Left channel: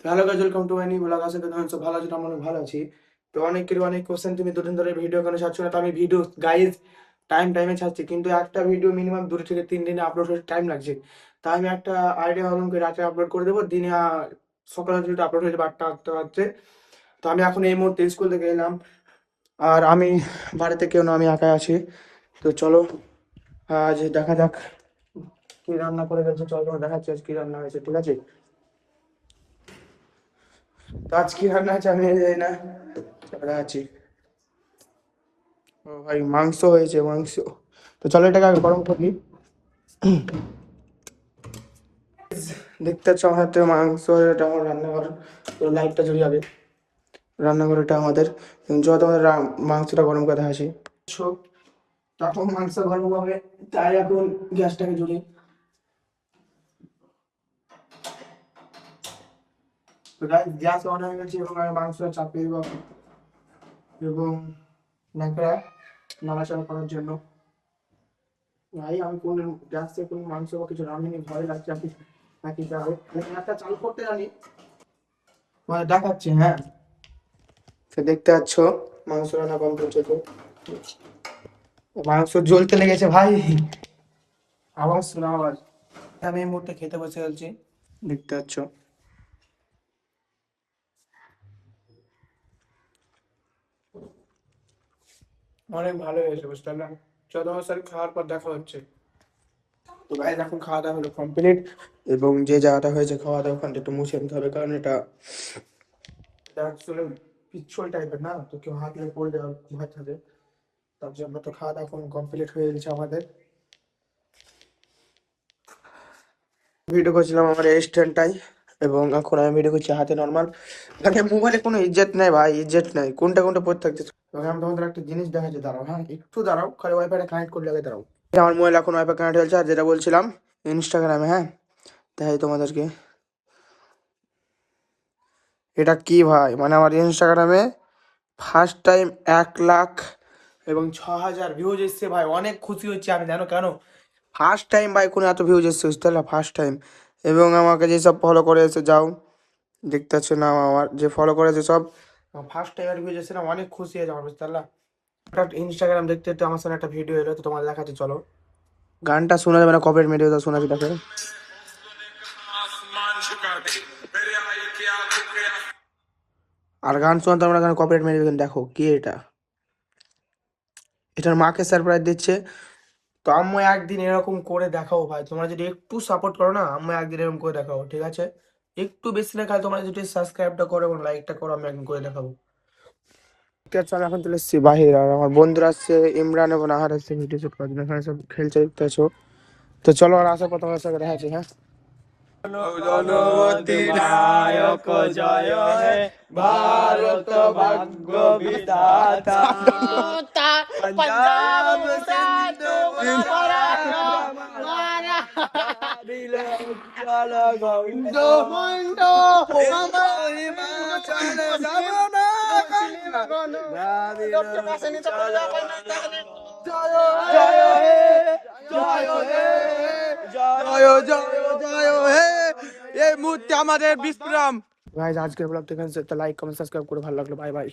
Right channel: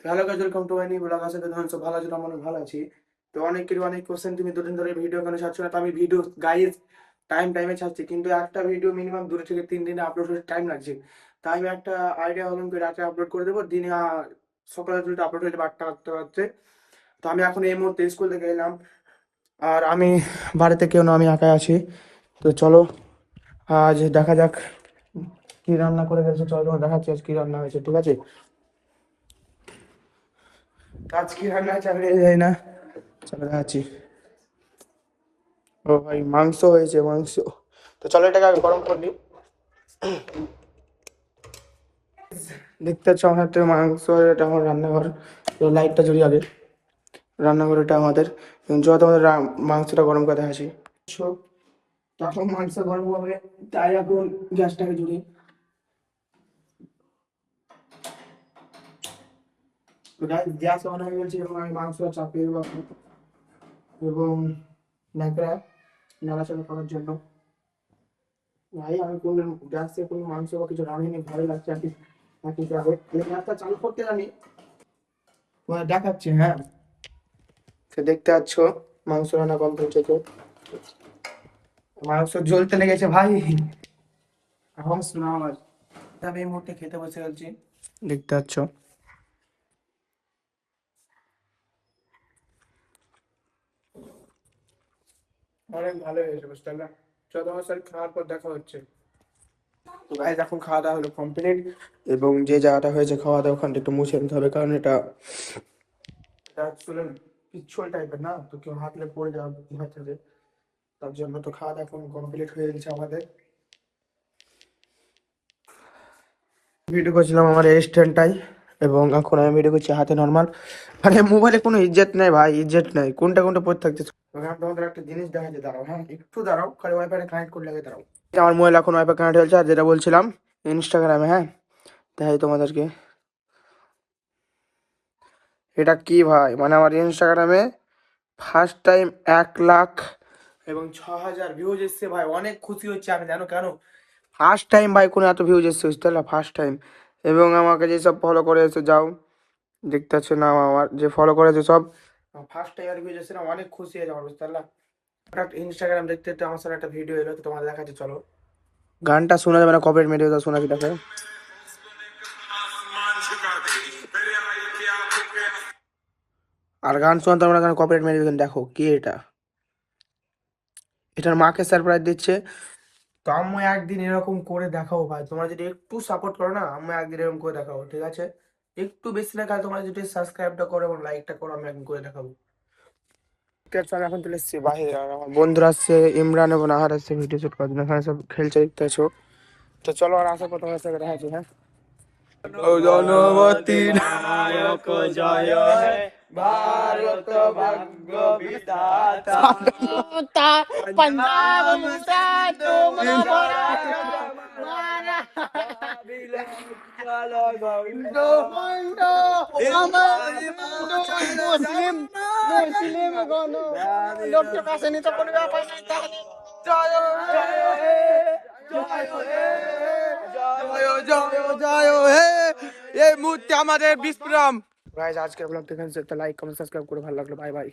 তো hello guys, welcome to my new blog. আশা করি তোমরা সব ভালো আছো, আমরা ভালো আছি। তো অনেকেরই অনেক কোশ্চেন, তুমি দুদিন ধরে ভিডিও কেন ছাড়ছো না? তো আমি ভিডিও গাইজ টাইমে ছাড়ছি, কিন্তু একটা ভিডিও মিনিমাম 2 থেকে 3 দিনে আপলোড হতে টাইম লাগছে। তাই আমি একটা আইডিয়া হলাম কি রাতে আপলোড করে দেবো, দিনে সকালে যদি আপলোড হয়ে যাবে 8টা বাজছে। তো আমি এখন এই মুহূর্তে স্কুল থেকে এলাম, আর আমি বাড়িতে কেউ না, আমি একাই আছি। তো চলো আজ দেখা যাক কি রান্না করে গেছে। চলো তোমার দেখাচ্ছি আজ কি রান্না হয়েছে, ঠিক আছে? তো আজ কি রান্না হয়েছে আমি জানি না, চলো দেখাচ্ছি। ও ভাই, মাংস হয়েছে, মাংস। তো চলো এটাকে আমি গরম করি। দেখতে পাচ্ছ আমার হাতে মাংস, এটা আমার রান্নাঘর। তো লাইটটা জ্বলি আগে। রান্নাঘর এটা আমাদের, যত আমাদের মাংসটা গরম করে দেখাচ্ছি। তখন মাংস গরম হবে, তাই এখন গ্যাসটাকে জ্বলি। তো গ্যাস অন হয়ে গেছে এবং আমি মাংসটা চাপিয়ে দেবো এবং ন্যাকড়া নাড়াচাড়া করার জন্য। ভাই আমি কোনো গ্যাস থেকে কোনো মাংস বা কিছু রাঁধিনি, ভয় লাগছে আর কি। নাকি যাবে গ্যাসটা চালু করতে জানি, দেখাচ্ছি। হ্যাঁ, সে দেখতে পাচ্ছ মাংস রান্না কমপ্লিট হয়েছে। মাংস জ্বলতে লেগেছে ভাই, আওয়াজ শোনা আওয়াজ। আমি এই মুহূর্তে খেতে বসে যাচ্ছি, দেখতে পাচ্ছ। অনেক ভালো হয়েছে, বুঝতে পারলাম। চলো আমার সাথে খাওয়ার পর দেখা হচ্ছে। তো ভাই এখন খাওয়া দাওয়া হলো কমপ্লিট, এবং যে জায়গাটা হয়েছে খাওয়া দাওয়া ওখানটা একটু মুছে নিতে হবে, কারণ এটা আসলে পিচ্ছল টাইপের না, তো কেউ হাতলে পড়ে যাওয়ার ভয় থাকে। তার জন্য তো খাওয়া দাওয়া এখন কমপ্লিট হয়ে গেছে আমাদের। ভিডিও করছিলাম আমার এই স্ট্যান্ডটাই, এবং এখন আমি ভিডিও করছি হাতে নর্মাল। মানে মোবাইলে কোনো ইজ্জত নেই ভাই, ইজ্জত নেই, কোনটা কোনটা পড়ে থাকছে। আমি তোমাদের একটা জিনিস দেখাচ্ছি, দাঁড়াও। হ্যাঁ একটু দাঁড়াও, খালি ওয়াইফাইটা কানেক্ট করে লাগে, দাঁড়াও। আমার মোবাইল এখন ওয়াইফাই কানেক্ট হয়েছে, আর যেটা বলছিলাম ইনস্টাগ্রামে, হ্যাঁ দেখাই তোমাদেরকে। এটা কি ভাই, মানে আমার ইনস্টাগ্রামে ফার্স্ট টাইম 1 লাখ এবং 6,000 ভিউজ এসছে ভাই। অনেক খুশি হচ্ছে আমি, জানো কেন? ফার্স্ট টাইম ভাই কোনো এত ভিউজ এসছে, বুঝতে পারলে, ফার্স্ট টাইম। এবং আমাকে যেসব ফলো করে এসে যাও, দেখতে পাচ্ছ না আমার যে ফলো করেছে সব ফার্স্ট টাইম ভিউজ এসছে না, অনেক খুশি হয়ে যাও, বুঝতে পারলা। একটা ইনস্টাগ্রাম দেখতে দেখতে আমার সাথে একটা ভিডিও এলো, তো তোমার দেখাচ্ছে চলো। গানটা শোনা যাবে না, কপিরাইট মেরে দেবে, শোনাচ্ছি দেখো। আর গান শোনা তোমরা, গান কপিরাইট মেরে দেবেন, দেখো কি এটা। এটার মাকে সারপ্রাইজ দিচ্ছে। তো আম্মু একদিন এরকম করে দেখাও ভাই, তোমরা যদি একটু সাপোর্ট করো না, আম্মু একদিন এরকম করে দেখাও, ঠিক আছে? একটু বেশি না, খালি তোমরা যদি সাবস্ক্রাইবটা করো এবং লাইকটা করো, আমি একদিন করে দেখাবো। ঠিক আছে, আমি এখন চলে এসেছি বাহির, আর আমার বন্ধুরা আসছে, ইমরান এবং আহার আসছে ভিডিও শুট করার জন্য, এখানে সব খেলছে, দেখতে আছো। তো চলো, আর আসার পর তোমার সাথে দেখা আছে। হ্যাঁ, জনবতী নায়ক জয় হে, ভারত ভাগ্য বিধাতা, পাঞ্জাব সিন্ধ গন্ধ মন্ড মুসলিম গণ জয় হে, জয় হে, জয় জয় জয় হে। এই মুহূর্তে আমাদের বিশ্রাম। গাইস আজকের ব্লগটা এখানে, লাইক কমেন্ট সাবস্ক্রাইব করে ভালো লাগলো, বাই বাই।